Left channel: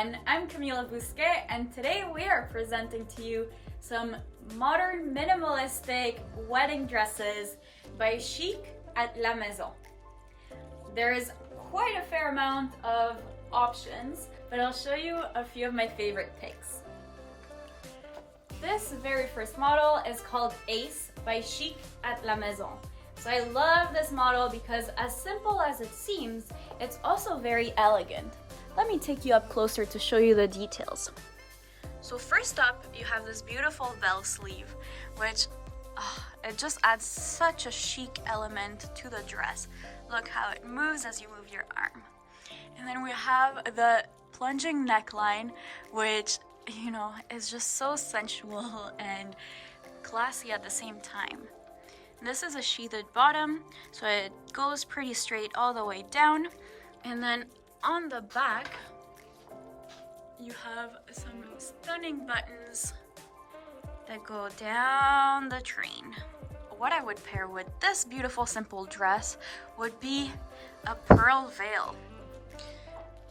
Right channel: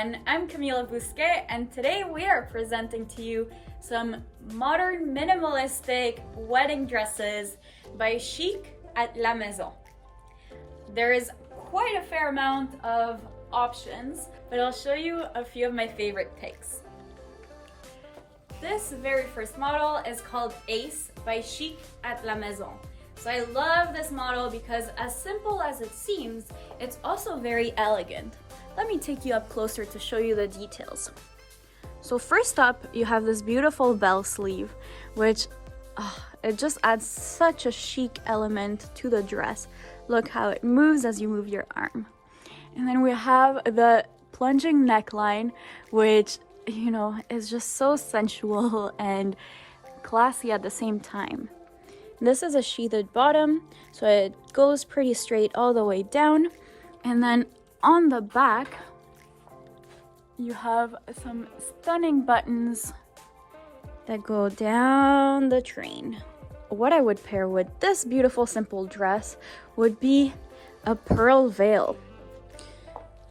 everyone, I'm Camila Bousquet, and today we are presenting to you some modern minimalistic wedding dresses by Chic at La Maison. There is quite a fair amount of options, but I'll show you a few of my favorite picks. This very first model is called Ace by Chic at La Maison. So I love this model because as simple as it seems, it's also very elegant. Let me take you up closer to show you the details. So first up, you have this beautiful bell sleeve, which it just adds such a chic element to the dress. Look how it moves as you move your arm. And then we have the plunging neckline, which, you know, is just so sensual and classy at the same time. This is a sheathed bottom, so it goes pretty straight all the way down. And then on the back, you have some stunning buttons that go down the train. What I would pair with this beautiful simple dress would be a pearl veil.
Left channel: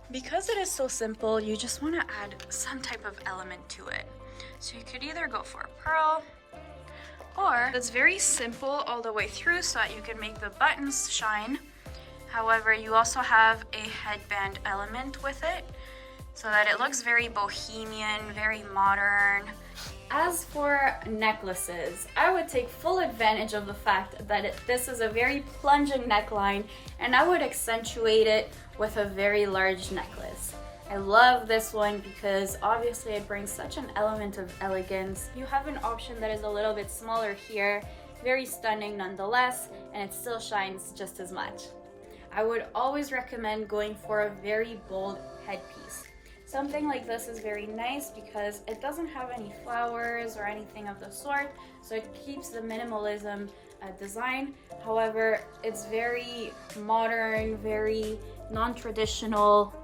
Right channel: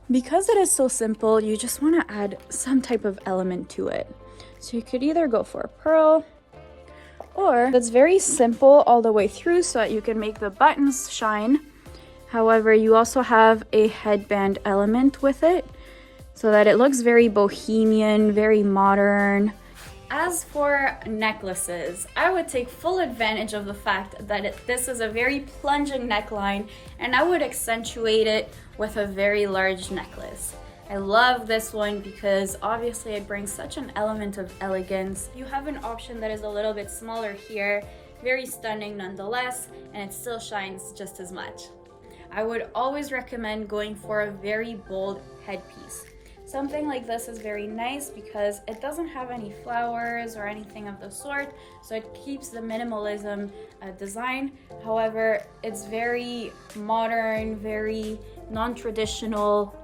Because it is so simple, you just want to add some type of element to it. So you could either go for a pearl, or it's very simple all the way through so that you can make the buttons shine. However, you also have a headband element with it so that it looks very bohemian, very modern. As for necklaces, I would take full advantage of the fact that this is a very plunging neckline, and I would accentuate it with a very large necklace. I love this one because obviously it brings such an element of elegance. You have an option that is a little bit smaller here, very stunning nonetheless, and it still shines just as much. I would always recommend going for a very bold headpiece. Something like this is very nice because it doesn't have any flowers or anything of the sort, so it keeps the minimalism design. However, it's very modern, very non-traditional.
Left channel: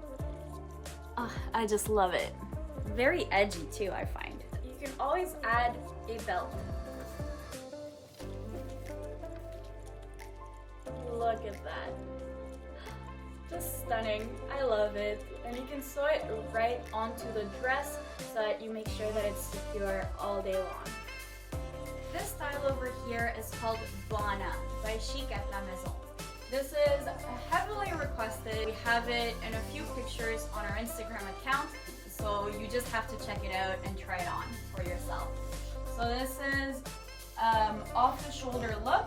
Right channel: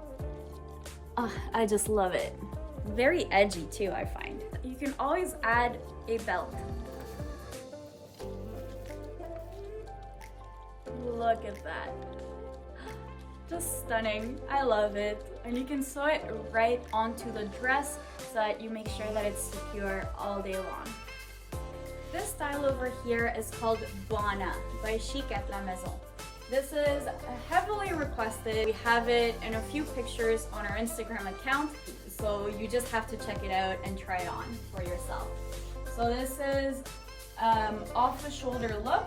I just love it. Very edgy too, I find. You can always add a belt. Look at that. Just stunning. I love it. And you can sew it right onto the dress so that you make sure that it's secure all day long. This style over here is called Boni by Chic at La Maison. This is heavily requested. We have it in a few pictures on our Instagram account, so you just have to check it out and try it on for yourself. So this is off the shoulder look.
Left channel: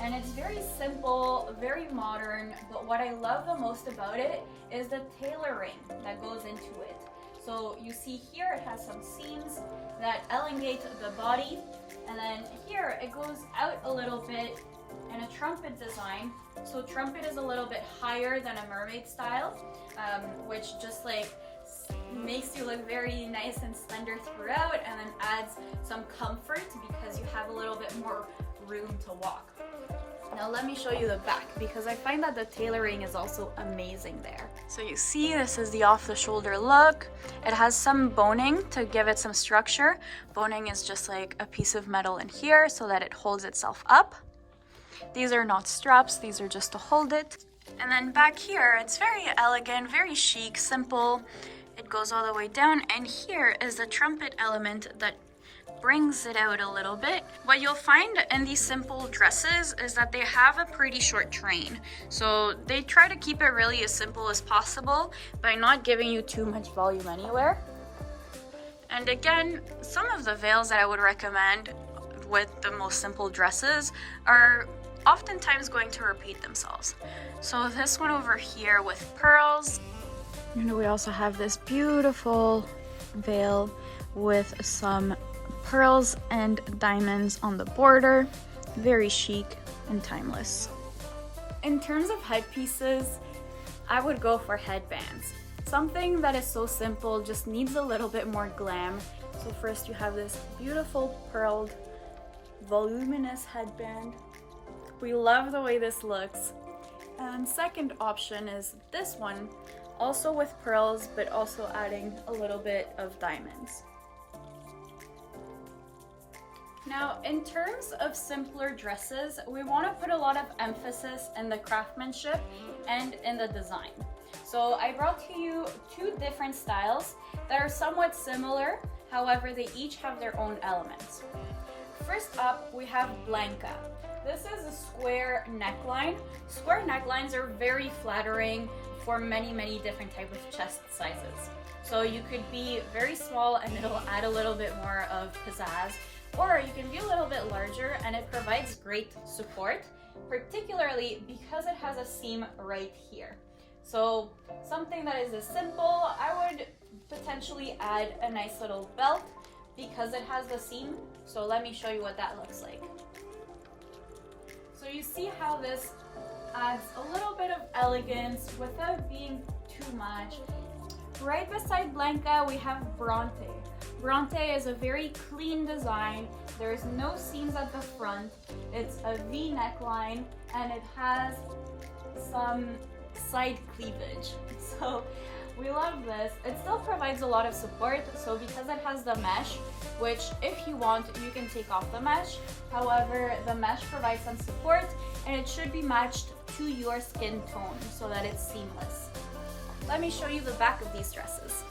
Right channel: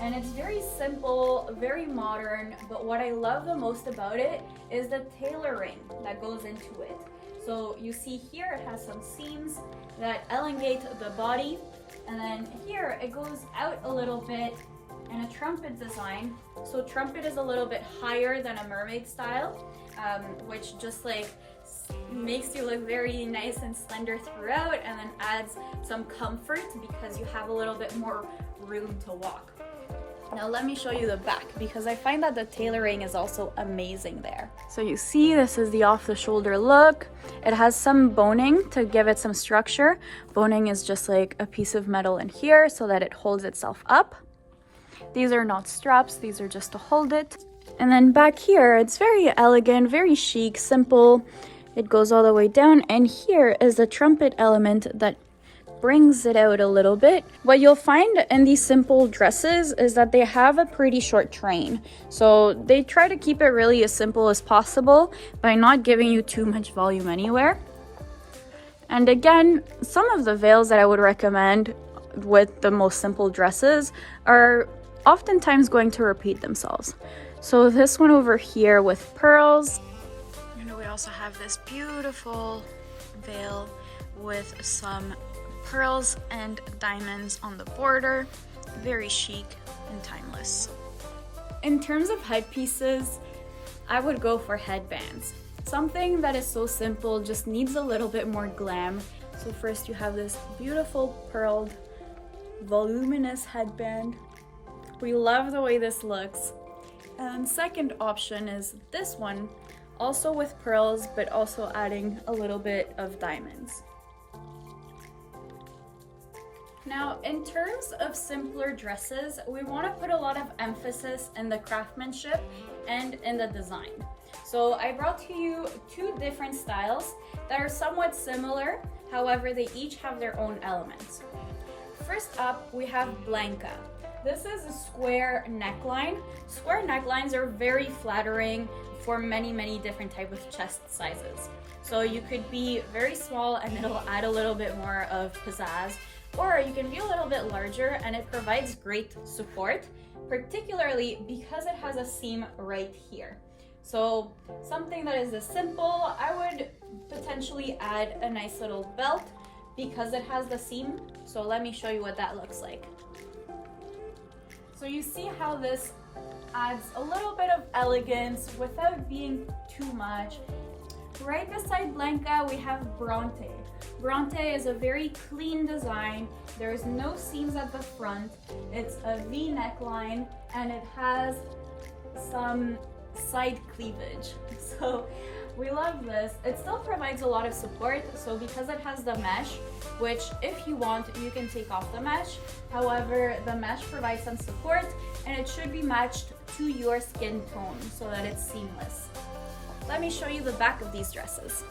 And it's very simple, very modern, but what I love the most about it is the tailoring that goes into it. So you see here it has some seams that elongate the body, and then here it goes out a little bit in a trumpet design. So trumpet is a little bit higher than a mermaid style, which just like makes you look very nice and slender throughout, and then adds some comfort because you have a little bit more room to walk. Now let me show you the back because I find that the tailoring is also amazing there. So you see this is the off the shoulder look. It has some boning to give it some structure. Boning is just like a piece of metal in here so that it holds itself up. These are not straps, these are just to hold it. And then back here, it's very elegant, very chic, simple. It goes all the way down, and here is the trumpet element that brings it out a little bit. What you'll find in these simple dresses is that they have a pretty short train. So they try to keep it really as simple as possible by not giving you too much volume anywhere. And again, some of the veils that I would recommend with the most simple dresses are oftentimes going to repeat themselves. So this one over here with pearls, and we also have this beautiful veil with some pearls and diamonds on the border. Very chic and timeless. In terms of headpieces, I would go for headbands. Something that is so simple just needs a little bit more glam. So first you have this beautiful pearled, voluminous headband. We love the way this looks. And second option is this one, also with pearls, but also adding a little bit of diamonds. Now, in terms of simpler dresses, we want to put a lot of emphasis in the craftsmanship and in the design. So I brought to you two different styles that are somewhat similar, however they each have their own elements. First up, we have Blanca. This is a square neckline. Square necklines are very flattering for many different types of chest sizes. So you could be very small and it'll add a little bit more of pizzazz, or you can be a little bit larger and it provides great support, particularly because it has a seam right here. So something that is as simple, I would potentially add a nice little belt because it has the seam. So let me show you what that looks like. So you see how this adds a little bit of elegance without being too much. Right beside Blanca, we have Bronte. Bronte is a very clean design. There's no seams at the front. It's a V neckline and it has some side cleavage. So we love this. It still provides a lot of support. So because it has the mesh, which if you want, you can take off the mesh. However, the mesh provides some support and it should be matched to your skin tone so that it's seamless. Let me show you the back of these dresses.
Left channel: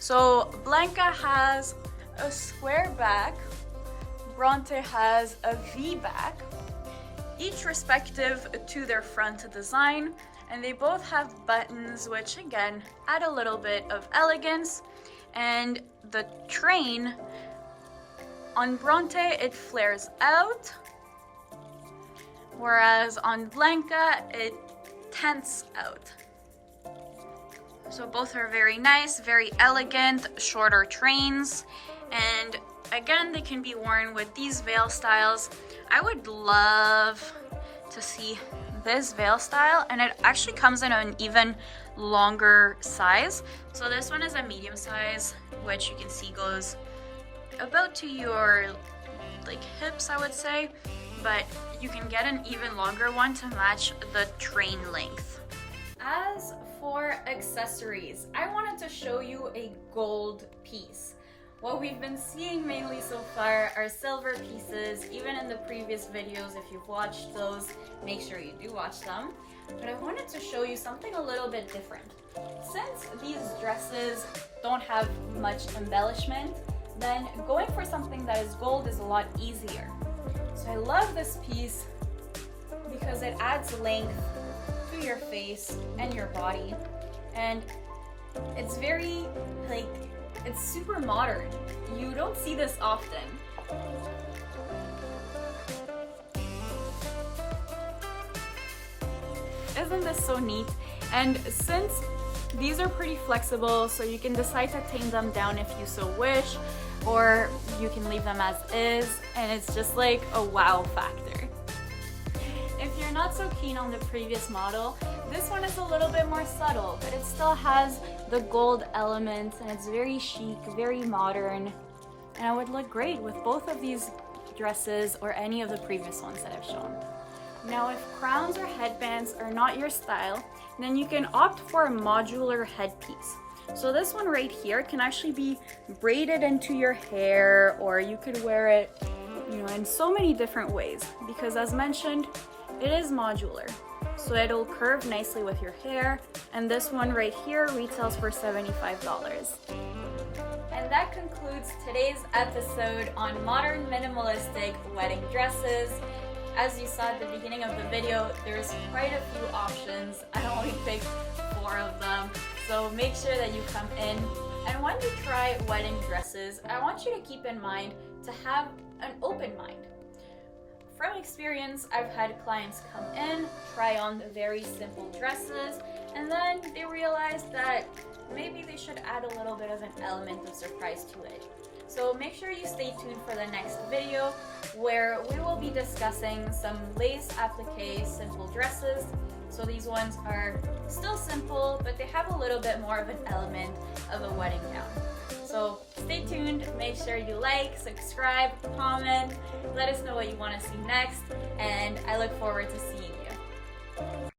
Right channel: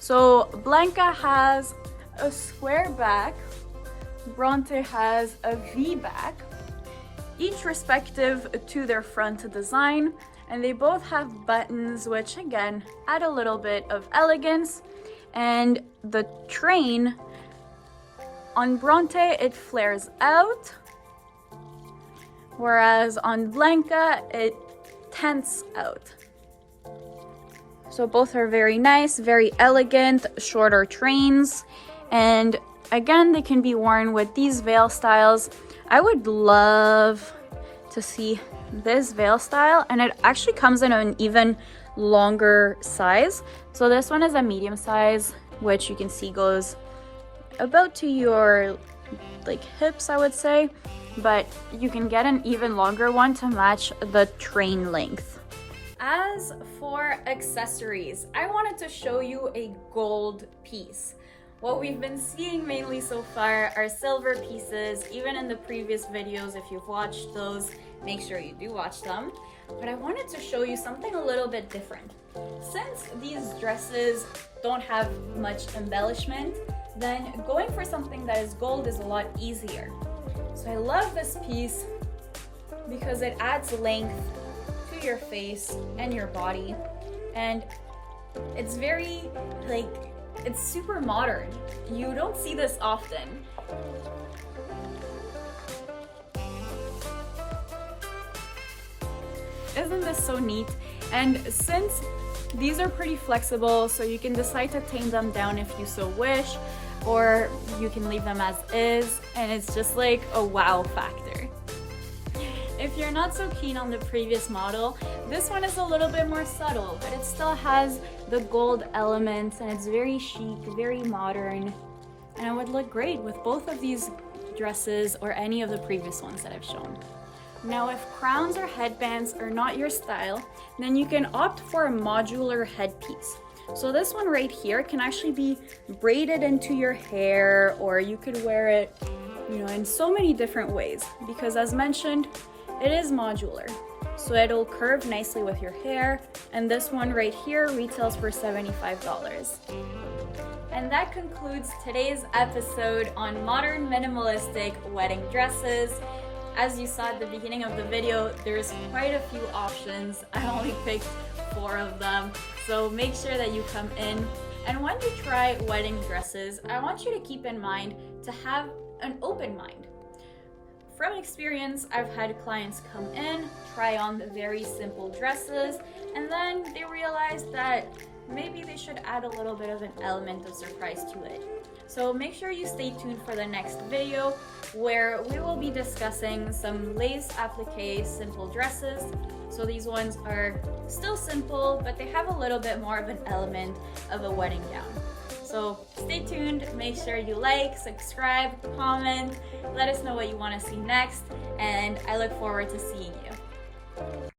So Blanca has a square back, Bronte has a V back, each respective to their front design, and they both have buttons which again add a little bit of elegance. And the train on Bronte, it flares out, whereas on Blanca it tents out. So both are very nice, very elegant, shorter trains. And again, they can be worn with these veil styles. I would love to see this veil style, and it actually comes in an even longer size. So this one is a medium size, which you can see goes about to your like hips, I would say, but you can get an even longer one to match the train length. As for accessories, I wanted to show you a gold piece. What we've been seeing mainly so far are silver pieces. Even in the previous videos, if you've watched those, make sure you do watch them. But I wanted to show you something a little bit different. Since these dresses don't have much embellishment, then going for something that is gold is a lot easier. So I love this piece because it adds length to your face and your body, and it's very it's super modern. You don't see this often. Isn't this so neat? And since these are pretty flexible, so you can decide to tame them down if you so wish, or you can leave them as is, and it's just like a wow factor. If you're not so keen on the previous model, this one is a little bit more subtle, but it still has the gold elements and it's very chic, very modern, and it would look great with both of these dresses or any of the previous ones that I've shown. Now, if crowns or headbands are not your style, then you can opt for a modular headpiece. So this one right here can actually be braided into your hair, or you could wear it, in so many different ways, because as mentioned, it is modular. So it'll curve nicely with your hair, and this one right here retails for $75. And that concludes today's episode on modern minimalistic wedding dresses. As you saw at the beginning of the video, there's quite a few options. I only picked 4 of them, so make sure that you come in. And when you try wedding dresses, I want you to keep in mind to have an open mind. From experience, I've had clients come in, try on the very simple dresses, and then they realize that maybe they should add a little bit of an element of surprise to it. So make sure you stay tuned for the next video, where we will be discussing some lace applique simple dresses. So these ones are still simple, but they have a little bit more of an element of a wedding gown. So stay tuned, make sure you like, subscribe, comment, let us know what you want to see next, and I look forward to seeing you.